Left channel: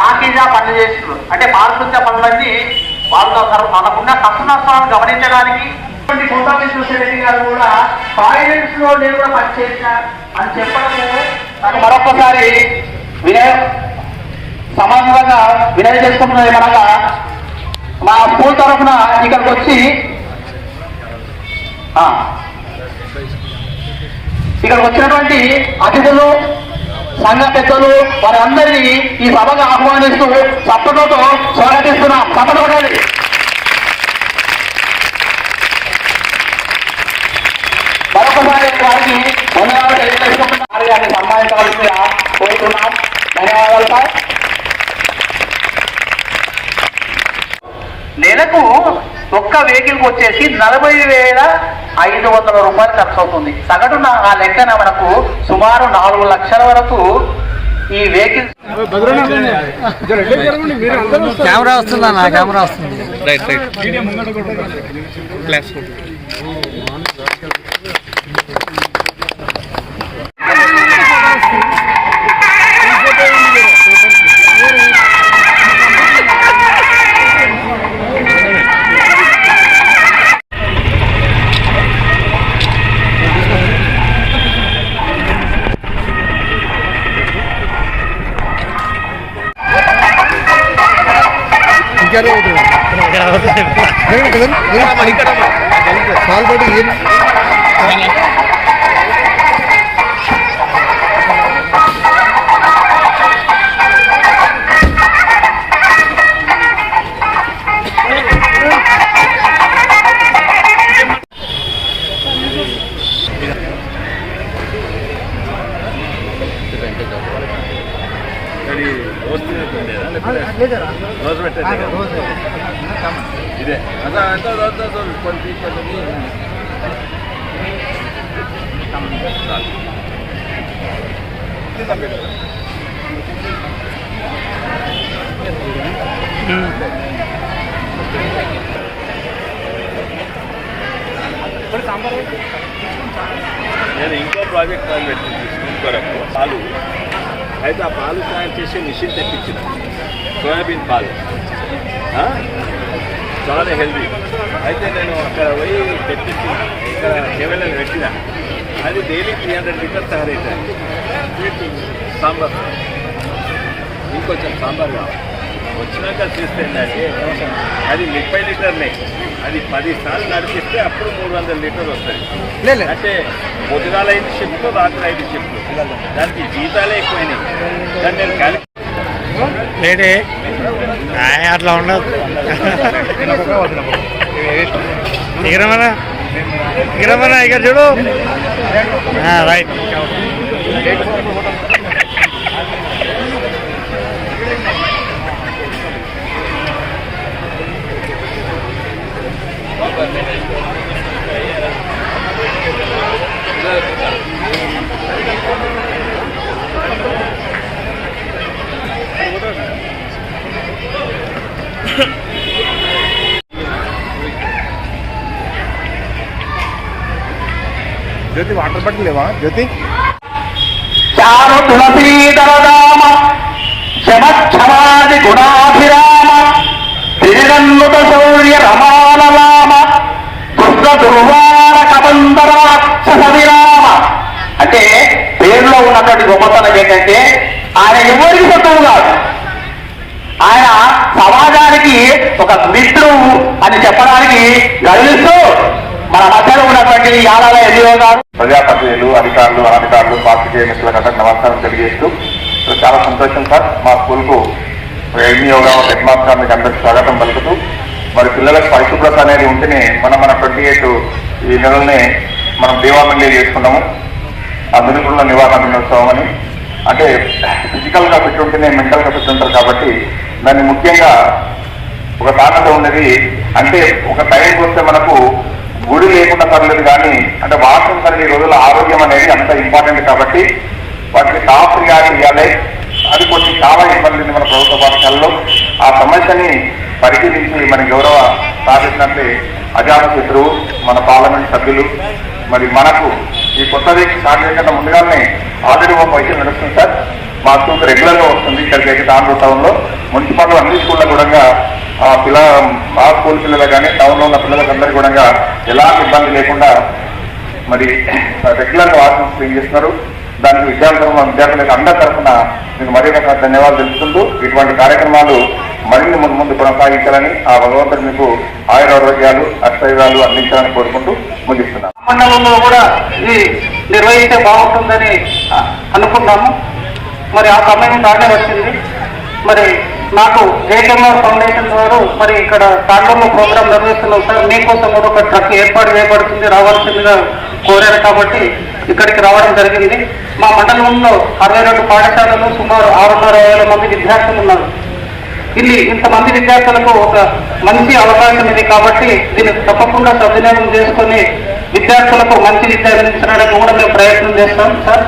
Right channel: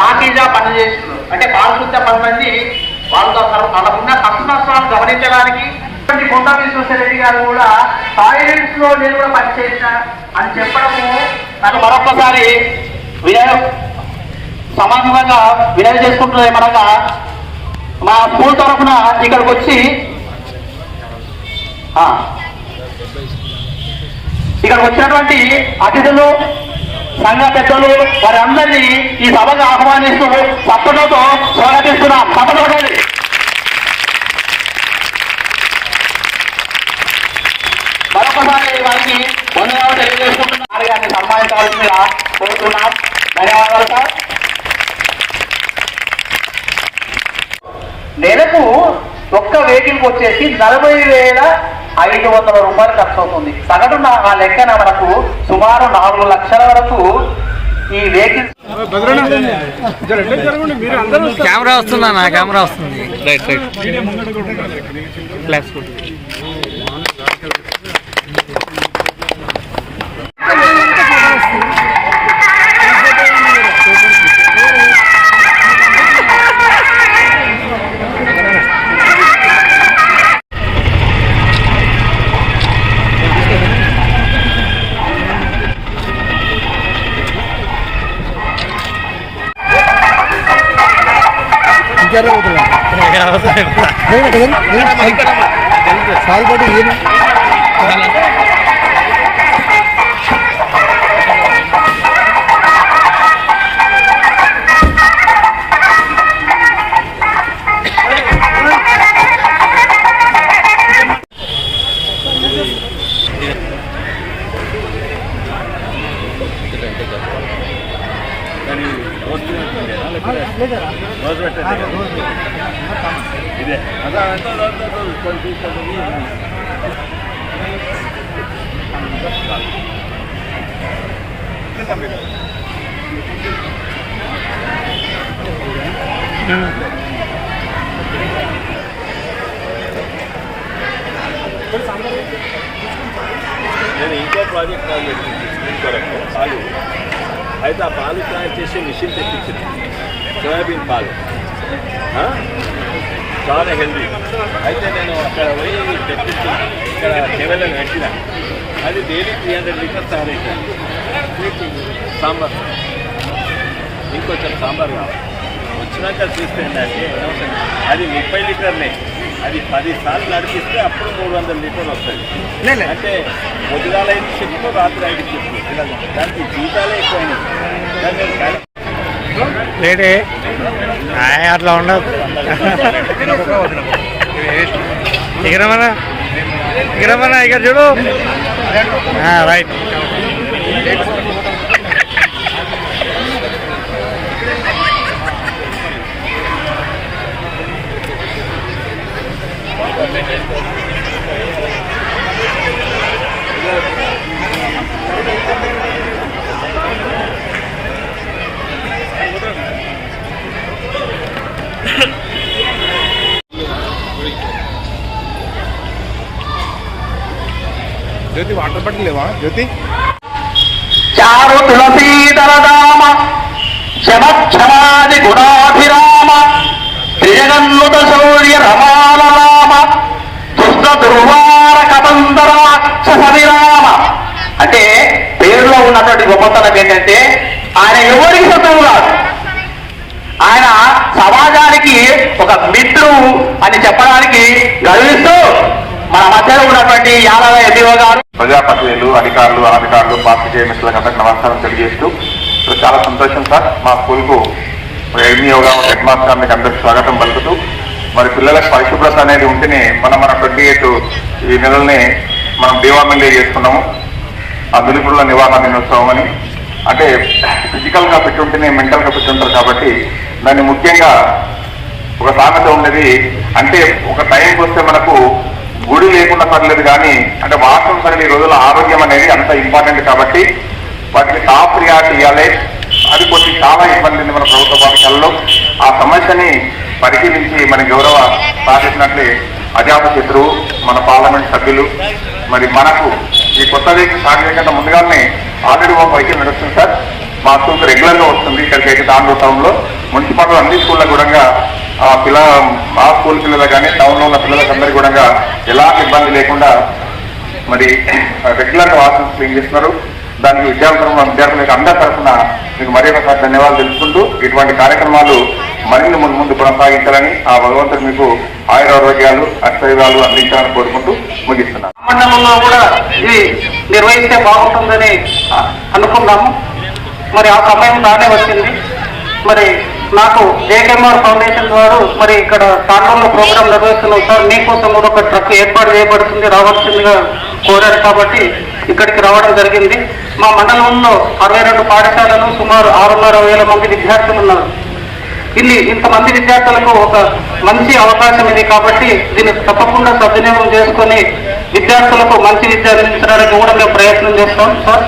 పార్టీగా పనిచేస్తూ అంటే పారిశుద్ధ్య పనులన్నీ వాళ్ళతో మనకున్న కష్ట నష్టాలను గమనించడానికి కొండా విశ్వేశ్వరరెడ్డి గారు కూడా టాయిలెట్స్ లో నేను కూడా పనిచేసిన అని చెప్పడము నాకు మరొకసారి సమానంగా వినతి చేసుకుంటున్నది. మనగా మా స్కూల్ తరఫున ఇక్కడికి వచ్చి ఇక్కడికి వచ్చినటువంటి అతిథులు సంఘ పెద్దలు వారందరినీ ఈ సభకు ఆహ్వానిస్తూ చప్పట్లతో స్వాగతిస్తున్నాం. చప్పట్లకండి. మరొకసారి వారికి ధన్యవాదాలు తెలియజేసుకుంటున్నారు. గారిని సన్మానించవలసిందిగా కోరుతున్నాం. ధన్యవాదాలు సార్. నెలకు ఒక్క వెహికల్కి వచ్చేసి 40,500 రూపాయలు ఖర్చు అవుతుంది. సగటున ఆ లెక్కన మనకు సుమారు 4 లక్షల వరకు ఈ వెహికల్. కెమెరా వస్తుందా? నా కెమెరా వస్తుంది. ఇదే కొన్ని నేను ఇంకో ప్రాజెక్ట్ మొదలుపెట్టింది స్కూల్ కొరకు పాలు. అయితే ఆ పాలు తయారు చేసే మిషన్ తెప్పించింది. సోయాబీన్ పాలు చాలా హెల్దీ. అయితే నేను అక్కడ పోయి తెప్పించిన ఇక్కడ కేవలం పెట్టిన అది డైలీ 300 లీటర్స్ తయారైతాను. సాంబార్ ఇంకొంచెం సాంబార్ కావాలి. వచ్చినాక తీసుకెళ్ళాలి. అది 30 లీటర్లే. అది 10 సార్లు నడిపిస్తే అప్పుడు 300 లీటర్లు వస్తుంది. అంటే పొద్దుగాల 5 షిఫ్ట్లు, రాత్రి 5 షిఫ్ట్లు. దానికి జీతాలే ఎక్కువైనాయి. దాన్ని నేను కలిపి లేడే అట్లా ఉండదు. ఎగరమన్నా ఇక్కడ చూడు. రైట్. జ్యోతి వాటర్ బాటిల్ లేవా జ్యోతి? చారు తులసీధరదామ శమక్షమాది గుణాభిరామ శ్రీరన్నుత శౌర్య రమాలరామ దుష్ట దుర్వార కబంధరాక్షసవిరామ. అంటే పేరులో ఉన్నటువంటి గొప్పతనం ఏంటంటే ఆయన ఎవరికి శత్రువు కాదు. ఆయన సమాజానికి ఒక మిత్రువు అని చెప్పడానికి గర్విస్తూ మన మధ్యలో ఉన్నటువంటి యాదవ ఎన్నిఓ గారు, ప్రజాప్రతినిధులు, అధికారులు, అనధికారులు, పాత్రికేయ మిత్రులకు నమస్కారం తెలియజేస్తూ చాలా సంతోషం సార్. మా స్కూల్కు ఎన్నిఓ గారు, హెడ్ మాస్టర్ గారికి అందరికీ స్వాగతం పలుకుతూ మరి పిల్లలకు పరిశుభ్రత అనేది ఉంటేనే మన 28 ఈ నెలల్ని మనం దేవామిల్లి చేసుకున్నాము. ఆ మిలుపుల నివారణ దినోత్సవం అని. అంటే ఫిజికల్గా ఫిట్ ఉంటేనే మెంటల్గా ఫిట్ ఉంటారు కాబట్టి దాన్ని ముఖ్యంగా ఒక సామెత ఉన్నది. అంటే ఒక టైంకి వస్తే మనకు గుడి లేకుండా పర్లేదు కానీ అంటే వాస్తవం సరే ఈ రోజుల్లో ఆరోగ్యం అనేది అంత ఇంపార్టెంట్ కాబట్టి వాటిని టాప్ ప్రియారిటీ ఇవ్వాలి. అది కొన్ని చాలా ఇబ్బంది ఉంది మన ప్రభుత్వ పాఠశాలలో. ఆ సమస్యని పరిశీలించి మన గౌరవ సాధించినట్లే అజాతశత్రువు మన పార్లమెంట్ సభ్యులు మరి మనకు ఈ కొత్త వీక్ స్టార్ట్ చేయకుండా ముందుగానే ఆల్రెడీ మా పైకి నడుస్తుంది సార్. మా స్కూల్కి రెగ్యులర్గా వస్తుంది. ఇక్కడికి అయితే తాండూరు టౌన్లో మున్సిపల్ అన్ని స్కూళ్ళ కూడా మా స్కూల్ పిల్లలకు కానీ టౌన్లో ఉన్న పిల్లలకు అందరికీ కూడా ఎలాంటి ఇబ్బంది లేకుండా మరి రెగ్యులర్గా వాష్రూమ్స్ క్లీన్ చేస్తున్నారు. దానికి విద్యార్థులకు అందరి తరఫున మీకు మరీ ఒకసారి ధన్యవాదాలు తెలుసుకుంటూ ఇటువంటి కార్యక్రమాలు మరిన్ని ముందు కొనసాగించాలని ఆ భగవంతుడు మీకు ఆయురారోగ్యాలు అష్టైర్యాలు అందించాలని కోరుకుంటూ ముగిస్తున్నాను. మండలంలో కూడా ఇది నిర్వహిస్తే బాగుంటుందని అనుకున్నాము. మరి ఆ సమయం దానే వచ్చింది. మరి నాకు జేకేఎంఆర్ ఫౌండేషన్ వారు మరి ఇక్కడ తాండూరులో ప్రోగ్రాం నిర్వహిస్తున్నాం సార్, మీకోసం కూడా ఒక ట్రక్ ఏర్పాటు చేయబడుతుంది, రావాల్సిందిగా కోరారు కాబట్టి ఇక్కడికి రావడం జరిగింది. మా మండలంలో 62 పాఠశాలలు సుమారు 6,500 మంది విద్యార్థులు ఉన్నారు. ఇంతమంది విద్యార్థులకు ఒక మంచి అవకాశం ఇది కాబట్టి దీన్ని తప్పకుండా సద్వినియోగం చేసుకొని విద్యార్థులకు మంచి విద్య అందించడానికి కూడా మేము ప్రయత్నం చేస్తాం సార్.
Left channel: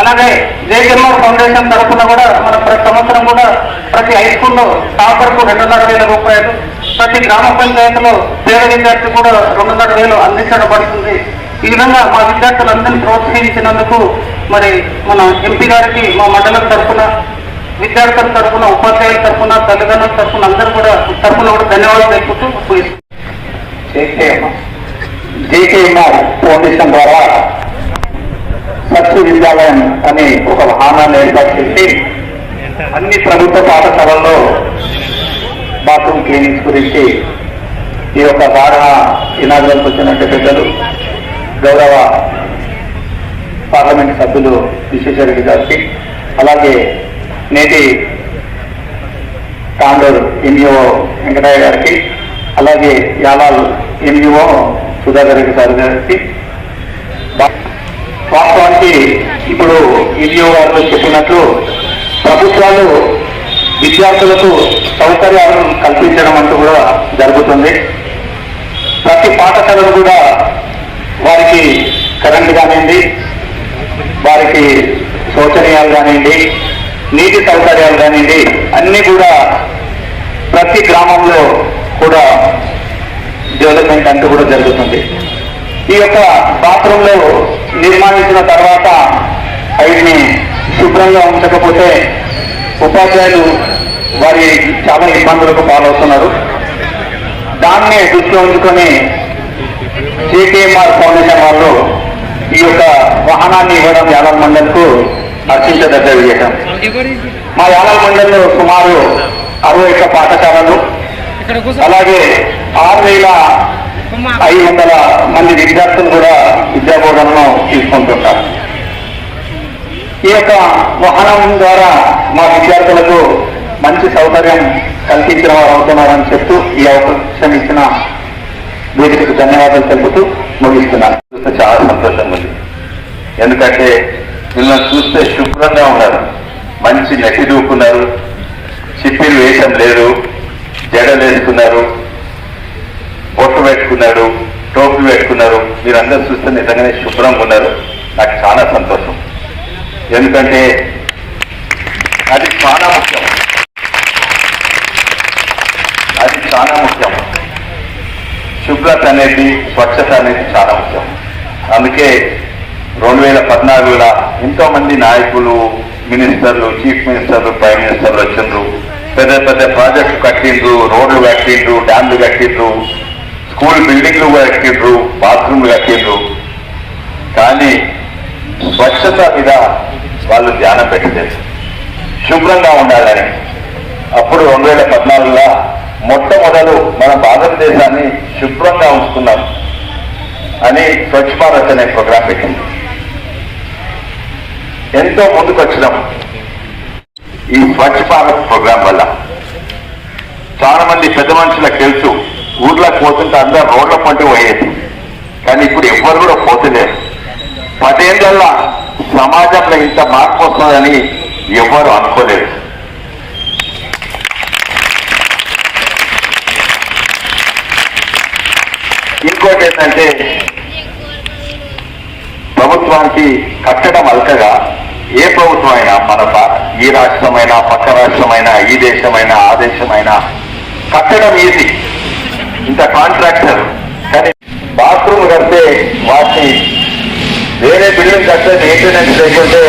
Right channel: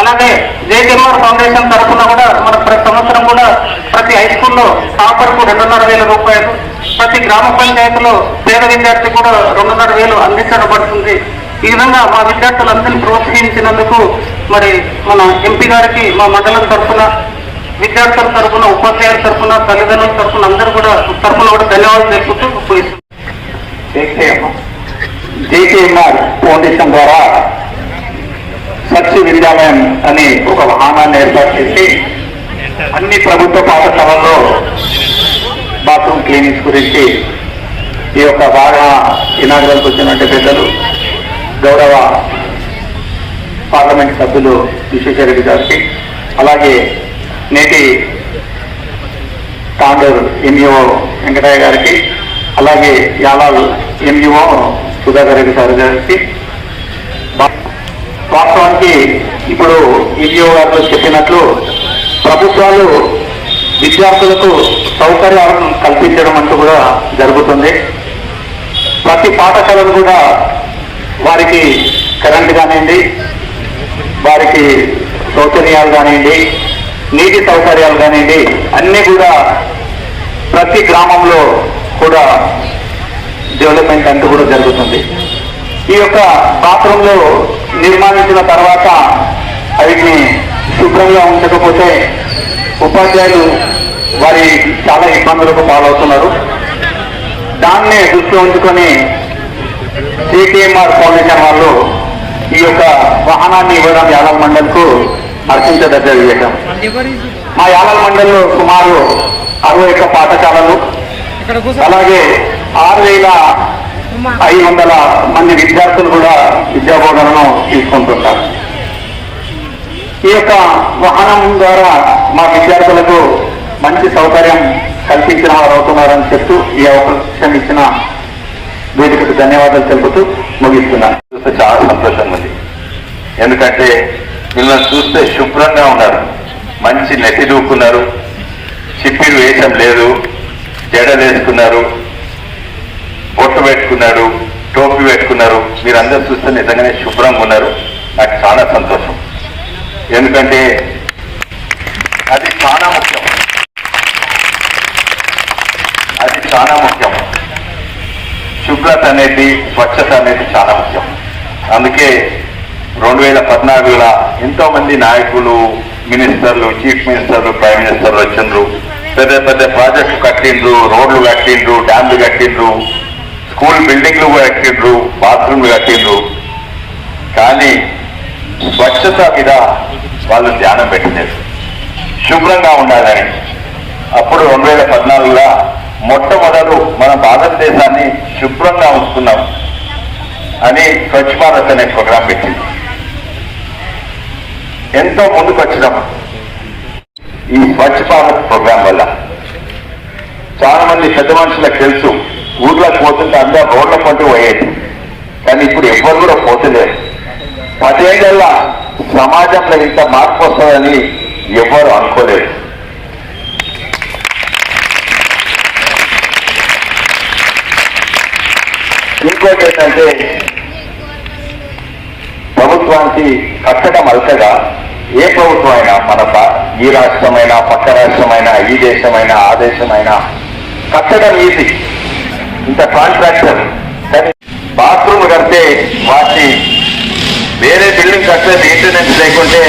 అలాగే జేకేఎంఆర్ ఫౌండేషన్ తరఫున కూడా మన ప్రతి సంవత్సరం కూడా ప్రతి హై స్కూల్లో టాపర్కు 2,500 రూపాయలు, ప్రతి గ్రామ పంచాయతీలో పేద విద్యార్థి కూడా 2,500 అందించబడుతుంది. ఈ విధంగా మా విద్యార్థులందరినీ ప్రోత్సహించినందుకు మరి మన ఎంపీ గారికి మా మండలం తరఫున, విద్యార్థుల తరఫున, ఉపాధ్యాయుల తరఫున, తల్లిదండ్రుల తరఫున అందరూ కూడా ధన్యవాదాలు తెలుపుతూ జేకేఎంఆర్ ఫౌండేషన్ ద్వారా స్వచ్ఛ విద్యాలయం అని ఒక వాహనాన్ని ఏర్పాటు చేసి అన్ని ప్రభుత్వ పాఠశాలల్లో బాత్రూమ్ క్లీనింగ్స్ గురించి ఈ యొక్క బాగా ఇనాగ్రల్కి వచ్చినట్టు పెద్దలు గౌరవ పార్లమెంట్ సభ్యులు విశ్వేశ్వర రెడ్డి గారికి, అలాగే నేటి తాండూరు ఎంఈఓ వెంకటయ్య గారికి, అలాగే యాలాల్ ఎంఈఓ సుధాకర్ రెడ్డి సార్ గారికి, వాస్తవానికి ఇప్పుడు ఈడీఓ గారు చెప్పినట్లు ప్రభుత్వాలు విద్యార్థులకు సౌకర్యాలను కల్పించడం అంటూ కూడా జరుగుతుంది. ప్రతి పాఠశాలను కూడా వారికి కరెంట్ కానివ్వండి, వారికి శౌచనీయాలు కానివ్వండి, నీటి సౌకర్యాలు కానివ్వండి, అన్నీ కూడా ప్రతి గ్రామంలో కూడా డెవలప్మెంట్ అంటూ కూడా జరుగుతుంది. ఈ యొక్క బాత్రూంలో నిర్మాణించిన తర్వాత వీటిని శుభ్రంగా ఉంచకపోతే ఉపాధ్యాయులు వారి చాలా ఇబ్బందులకు పాలవుతున్నారు. దాన్నే దృష్టిలో ఉంచుకొని జేకేఎంఆర్ ఫౌండేషన్ వాళ్ళు ఈ యొక్క వాహనాన్ని ఇవ్వడం యాలాల్ మండల్కు అర్పించదగ్గ విషయం. మా యాలాల్ మండల్లో సుమారు 61 పాఠశాలలు, అలాగే 6,500 మంది విద్యార్థులు కూడా విద్యాబోధనను తీసుకుంటుంటారు. ఈ యొక్క వాహనం ద్వారా మా విద్యార్థులకు మంచి సౌకర్యం కల్పించిన వారు అవుతున్నారని చెప్తూ ఈ అవకాశం ఇచ్చిన వేదికకు ధన్యవాదాలు తెలుపుతూ ముగిస్తున్నాను. చాలా సంతోషంగా ఉంది. ఎందుకంటే వీళ్ళని చూస్తే శుభ్రంగా ఉన్నారు, మంచి నెట్టి దూకున్నారు, చిప్పిలు వేషం లేదు, జడలు వేసుకున్నారు, బొట్టు పెట్టుకున్నారు, టోపీ పెట్టుకున్నారు. మీరందరూ చూస్తే నిజంగానే శుభ్రంగా ఉన్నారు. నాకు చాలా సంతోషం. ఎందుకంటే అది చాలా ముఖ్యం, అది చాలా ముఖ్యం. శుభ్రత అనేది, స్వచ్ఛత అనేది చాలా ముఖ్యం. అందుకే 2014లో ఎంతో మంది నాయకులు, మినిస్టర్లు, చీఫ్ మినిస్టర్లు, ప్రైమ్ మినిస్టర్లు వచ్చిండ్రు. పెద్ద పెద్ద ప్రాజెక్టు కట్టిండ్రు, రోడ్లు కట్టిండ్రు, డ్యామ్లు కట్టిండ్రు, స్కూల్ బిల్డింగ్లు కట్టిండ్రు, బాత్రూమ్లు కట్టిండ్రు. కానీ స్వచ్ఛత మీద వాళ్ళు ధ్యానం పెట్టలేదు, శుభ్రంగా ఉండాలని. అప్పుడు 2014లో మొట్టమొదలు మన భారతదేశాన్ని శుభ్రంగా ఉంచుకున్నాం అని స్వచ్ఛ భారత్ అనే ప్రోగ్రాం పెట్టింది. ఎంతో ముందుకు వచ్చినాం. ఈ స్వచ్ఛ భారత్ ప్రోగ్రాం వల్ల చాలా మంది పెద్ద మనుషులకు తెలుసు, ఊర్లోకి పోతుంటే అందరూ రోడ్ల పంటి పోయేది. కానీ ఇప్పుడు ఎవ్వరు కూడా పోతలేరు. 10 ఏళ్ళ సమాజంలో ఇంత మార్పు వస్తుందని ఎవ్వరు అనుకోలేదు. ఇంకోటి ఏంటంటే ప్రభుత్వానికి కట్టడం అల్కగా, ఏ ప్రభుత్వం అయినా మన ఈ రాష్ట్రమైనా, పక్క రాష్ట్రమైనా, ఈ దేశమైనా, ఆ దేశమైనా కట్టడం ఈజీ, ఇంత కాంట్రాక్టర్. కానీ బాత్రూమ్ కడితే వాటిని వేరే బిల్డింగ్ కడితే మెయింటెనెన్స్ లేకుంటే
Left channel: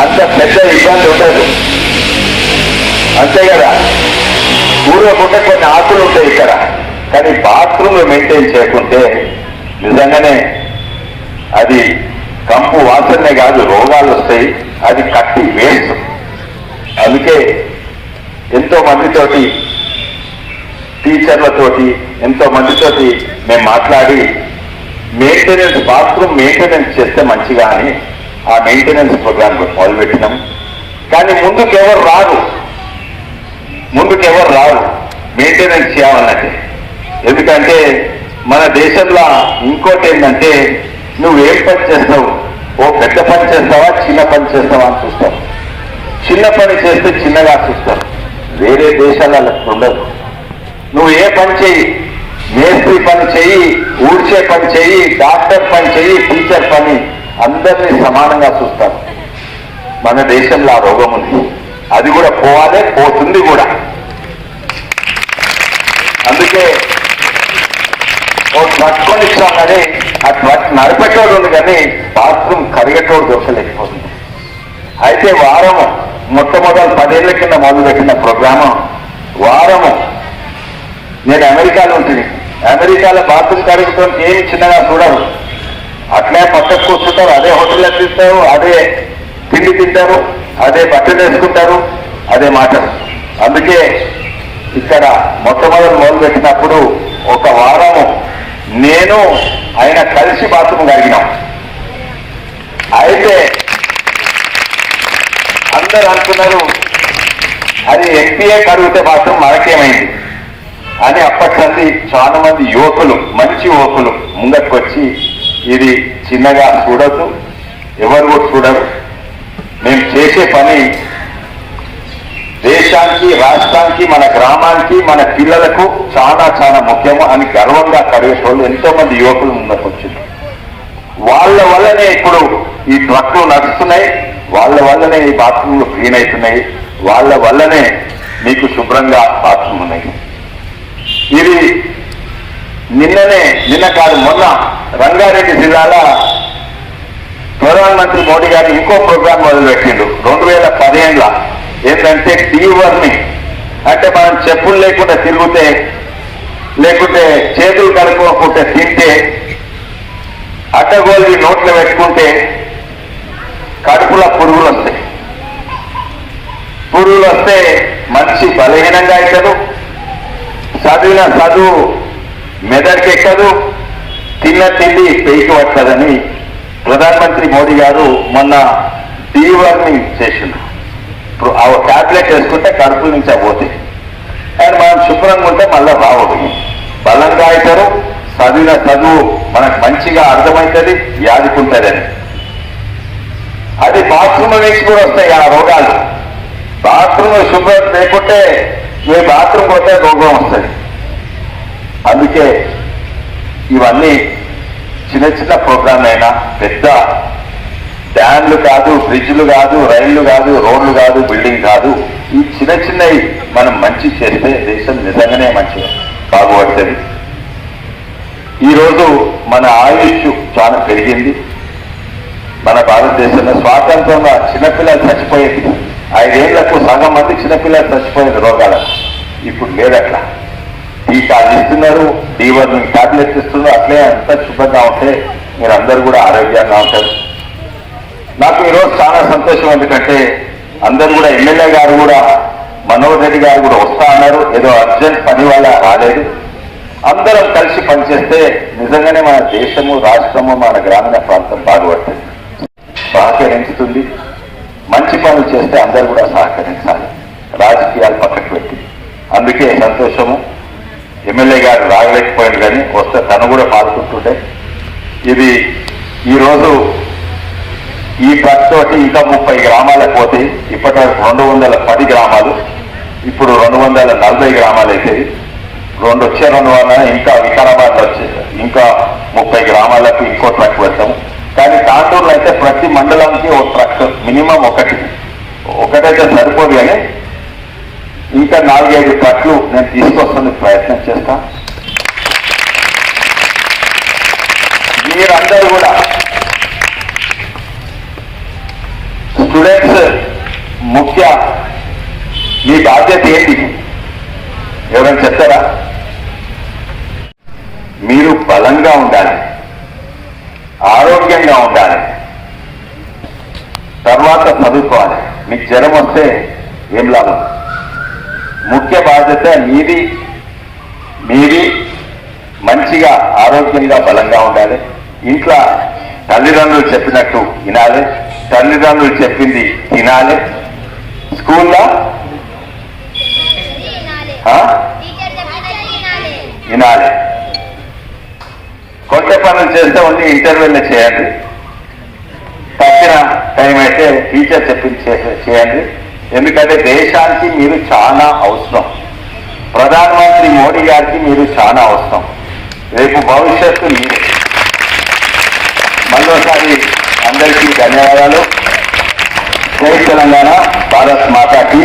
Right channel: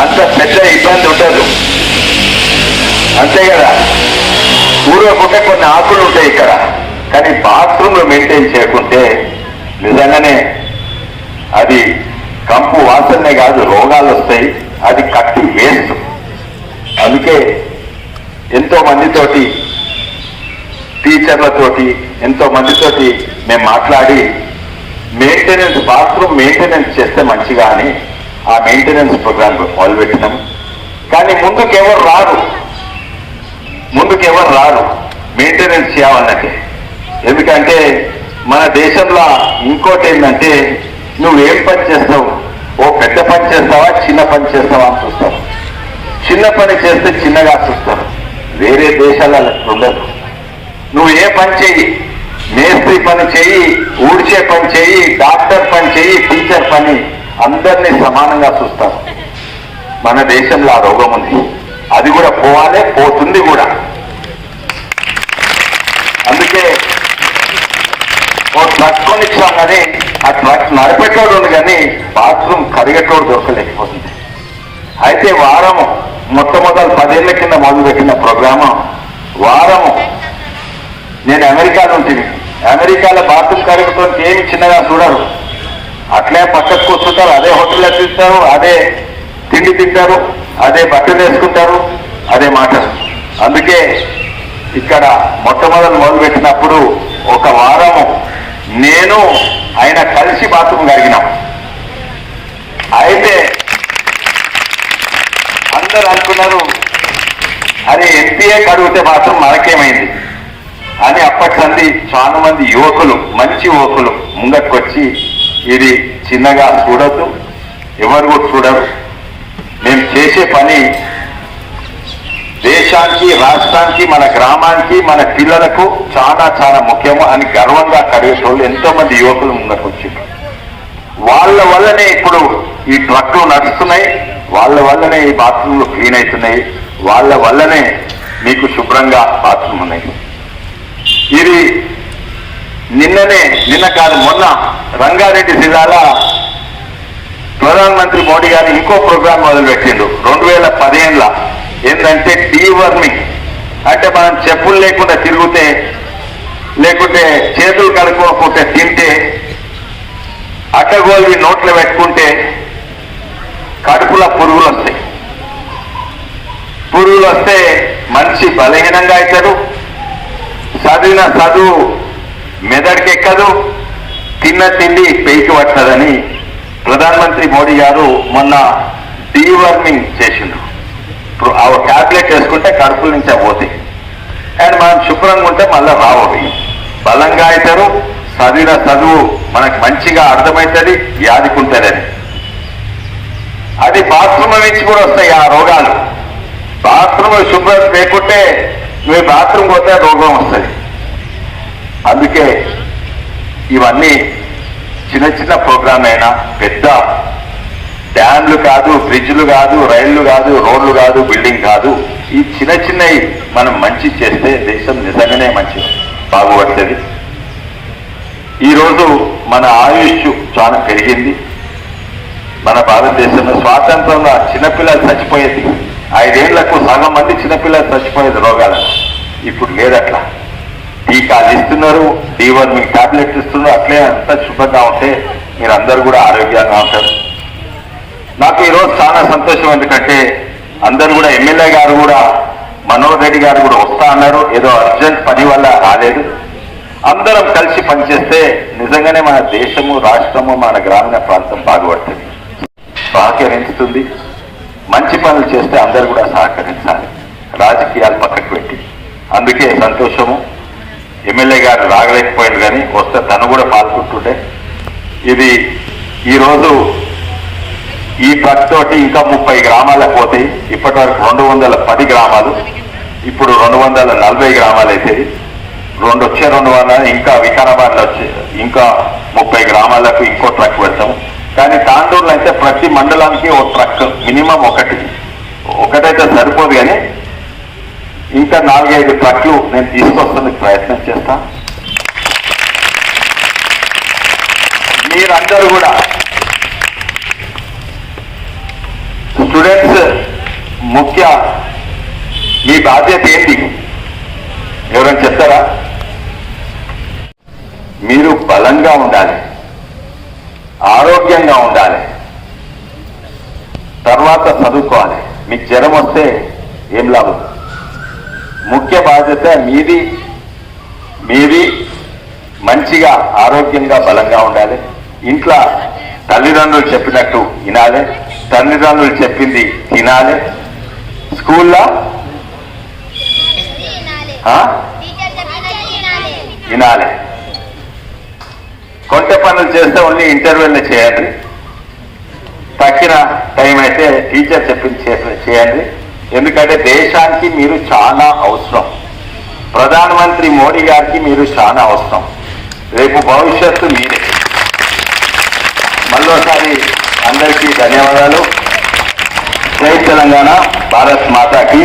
అంత పెద్ద ఇబ్బంది ఉండదు. అంతే కదా, పూర్వకుండా కొన్ని ఆకులు ఉంటాయి ఇక్కడ, కానీ బాత్రూమ్లో మెయింటైన్ చేయకుంటే నిజంగానే అది కంపు వాసనే కాదు, రోగాలు వస్తాయి. అది కట్టి వేస్ట్. అందుకే ఎంతో మందితోటి, టీచర్లతోటి, ఎంతో మందితోటి మేము మాట్లాడి మెయింటెనెన్స్, బాత్రూమ్ మెయింటెనెన్స్ చేస్తే మంచిగా అని ఆ మెయింటెనెన్స్ ప్రోగ్రామ్ మొదలుపెట్టినాం. కానీ ముందుకెవరు రారు మెయింటెనెన్స్ చేయాలన్నట్టే. ఎందుకంటే మన దేశంలో ఇంకోటి ఏంటంటే, నువ్వేం పని చేస్తావు, ఓ పెద్ద పని చేస్తావా చిన్న పని చేస్తావా అని చూస్తావు. చిన్న పని చేస్తే చిన్నగా చూస్తావు. వేరే దేశాలలో ఉండదు. నువ్వు ఏ పని చెయ్యి, మేస్త్రి పని చెయ్యి, ఊడ్చే పని చెయ్యి, డాక్టర్ పని చెయ్యి, టీచర్ పని, అందరినీ సమానంగా చూస్తారు. మన దేశంలో ఆ రోగం ఉంది. అది కూడా పోవాలే, పోతుంది కూడా. అందుకే ఓ ట్రక్ కొనిచ్చామని ఆ ట్రక్ నడిపెట్టోడు ఉంది, కానీ బాత్రూమ్ కరిగేటోడు దొరకలేకపోతుంది. అయితే వారము మొట్టమొదటి 10 ఏళ్ల కింద మొదలుపెట్టిన ప్రోగ్రాము వారము. నేను అమెరికాలో ఉంటుంది. అమెరికాలో బాత్రూమ్ కడుగుతాం ఏమి చిన్నగా చూడరు. అట్లే పక్కకు కూర్చుంటారు, అదే హోటల్లో తింటారు, అదే తిండి తింటారు, అదే బట్టలు వేసుకుంటారు, అదే మాటలు. అందుకే ఇక్కడ మొట్టమొదటి మొదలుపెట్టినప్పుడు ఒక వారము నేను ఆయన కలిసి బాత్రూమ్ కడిగినాం. అయితే అందరూ అనుకున్నారు, అది ఎన్పిఏ కడిగితే మాత్రం మనకేమైంది అని. అప్పటి చాలా మంది యువకులు, మంచి యువకులు ముంగకు వచ్చి ఇది చిన్నగా చూడద్దు, ఎవరు కూడా చూడరు, మేము చేసే పని దేశానికి, రాష్ట్రానికి, మన గ్రామానికి, మన పిల్లలకు చాలా చాలా ముఖ్యము అని గర్వంగా కడిగేటోళ్ళు ఎంతో మంది యువకులు ముందుకు వచ్చింది. వాళ్ళ వల్లనే ఇప్పుడు ఈ ట్రక్లు నడుస్తున్నాయి, వాళ్ళ వల్లనే ఈ బాత్రూమ్లు క్లీన్ అవుతున్నాయి, వాళ్ళ వల్లనే మీకు శుభ్రంగా బాత్రూమ్ ఉన్నాయి. ఇది నిన్న కాదు మొన్న రంగారెడ్డి జిల్లాలో ప్రధానమంత్రి మోడీ గారు ఇంకో ప్రోగ్రాం మొదలుపెట్టిండు 2015లో. ఏంటంటే డీవర్మింగ్. అంటే మనం చెప్పులు లేకుండా తిరిగితే, లేకుంటే చేతులు కడుక్కోకుంటే తింటే, అడ్డగోలు నోట్లో పెట్టుకుంటే కడుపులో పురుగులు వస్తాయి. పురుగులు వస్తే మనిషి బలహీనంగా అవుతాడు, చదివిన చదువు మెదడుకి ఎక్కదు, తిన్న తిండి పెయికి పట్టదని ప్రధానమంత్రి మోడీ గారు మొన్న డీవర్మింగ్ చేసిండు. ఆ ట్యాబ్లెట్ వేసుకుంటే కడుపుల నుంచి పోతాయి. అండ్ మనం శుభ్రంగా ఉంటే మళ్ళీ రావు, బలంగా అవుతారు, చదివిన చదువు మనకు మంచిగా అర్థమవుతుంది, యాదికుంటుందని. అది బాత్రూమ్ నుంచి కూడా వస్తాయి ఆ రోగాలు. బాత్రూమ్ శుభ్రత లేకుంటే మీరు బాత్రూమ్ పోతే రోగం వస్తుంది. అందుకే ఇవన్నీ చిన్న చిన్న ప్రోగ్రాం అయినా, పెద్ద డ్యాన్లు కాదు, బ్రిడ్జ్లు కాదు, రైళ్లు కాదు, రోడ్లు కాదు, బిల్డింగ్ కాదు, ఈ చిన్న చిన్నవి మనం మంచి చేస్తే దేశం నిజంగానే మంచి బాగుపడుతుంది. ఈరోజు మన ఆయుష్ చాలా పెరిగింది. మన భారతదేశంలో స్వాతంత్రంగా చిన్నపిల్లలు చచ్చిపోయేది 5 ఏళ్లకు సగం మంది చిన్నపిల్లలు చచ్చిపోయేది రోగాలకు. ఇప్పుడు లేదట్లా. టీకాలు ఇస్తున్నారు, డీవర్మింగ్ టాబ్లెట్ ఇస్తున్నారు. అట్లే అంత శుభ్రంగా ఉంటే మీరందరూ కూడా ఆరోగ్యంగా ఉంటారు. నాకు ఈరోజు చాలా సంతోషం. ఎందుకంటే అందరూ కూడా ఎమ్మెల్యే గారు కూడా, మనోహర్ రెడ్డి గారు కూడా వస్తా అన్నారు. ఏదో అర్జెంట్ పని వల్ల రాలేదు. అందరం కలిసి పనిచేస్తే నిజంగానే మన దేశము, రాష్ట్రము, మన గ్రామీణ ప్రాంతం బాగుపడుతుంది, సహకరించుతుంది. మంచి పనులు చేస్తే అందరూ కూడా సహకరించాలి, రాజకీయాలు పక్కకు పెట్టి. అందుకే సంతోషము. ఎమ్మెల్యే గారు రాగలేకపోయింది, కానీ వస్తే తను కూడా పాల్గొంటుంటే. ఇది ఈరోజు ఈ ట్రక్ తోటి ఇంకా 30 గ్రామాలకు పోతాయి. ఇప్పటి వరకు 210 గ్రామాలు, ఇప్పుడు 240 గ్రామాలు అయితే 200 ఇంకా వికారాబాద్లో వచ్చే ఇంకా 30 గ్రామాలకు ఇంకో ట్రక్ పెడతాము. కానీ తాండూరులో అయితే ప్రతి మండలానికి ఒక ట్రక్ మినిమం ఒకటైతే సరిపోదు, కానీ ఇంకా 4-5 ట్రక్లు నేను తీసుకొస్తానికి ప్రయత్నం చేస్తాను. మీరందరూ కూడా స్టూడెంట్స్ ముఖ్య మీ బాధ్యత ఏంటి ఎవరైనా చెప్తారా? మీరు బలంగా ఉండాలి, ఆరోగ్యంగా ఉండాలి, తర్వాత చదువుకోవాలి. మీకు జ్వరం వస్తే ఏం లాభం? ముఖ్య బాధ్యత మీది మంచిగా ఆరోగ్యంగా బలంగా ఉండాలి. ఇంట్లో తల్లిదండ్రులు చెప్పినట్టు వినాలి, తల్లిదండ్రులు చెప్పింది తినాలి. స్కూల్లో వినాలి. కొత్త పనులు చేస్తే ఓన్లీ ఇంటర్వ్యూలో చేయండి. తక్కిన టైం అయితే టీచర్ చెప్పింది చేయండి. ఎందుకంటే దేశానికి మీరు చాలా అవసరం. ప్రధానమంత్రి మోడీ గారికి మీరు చాలా అవసరం. రేపు భవిష్యత్తు మీరే. మళ్ళీసారి అందరికీ ధన్యవాదాలు. జై తెలంగాణ, భారత్ మాతాకి.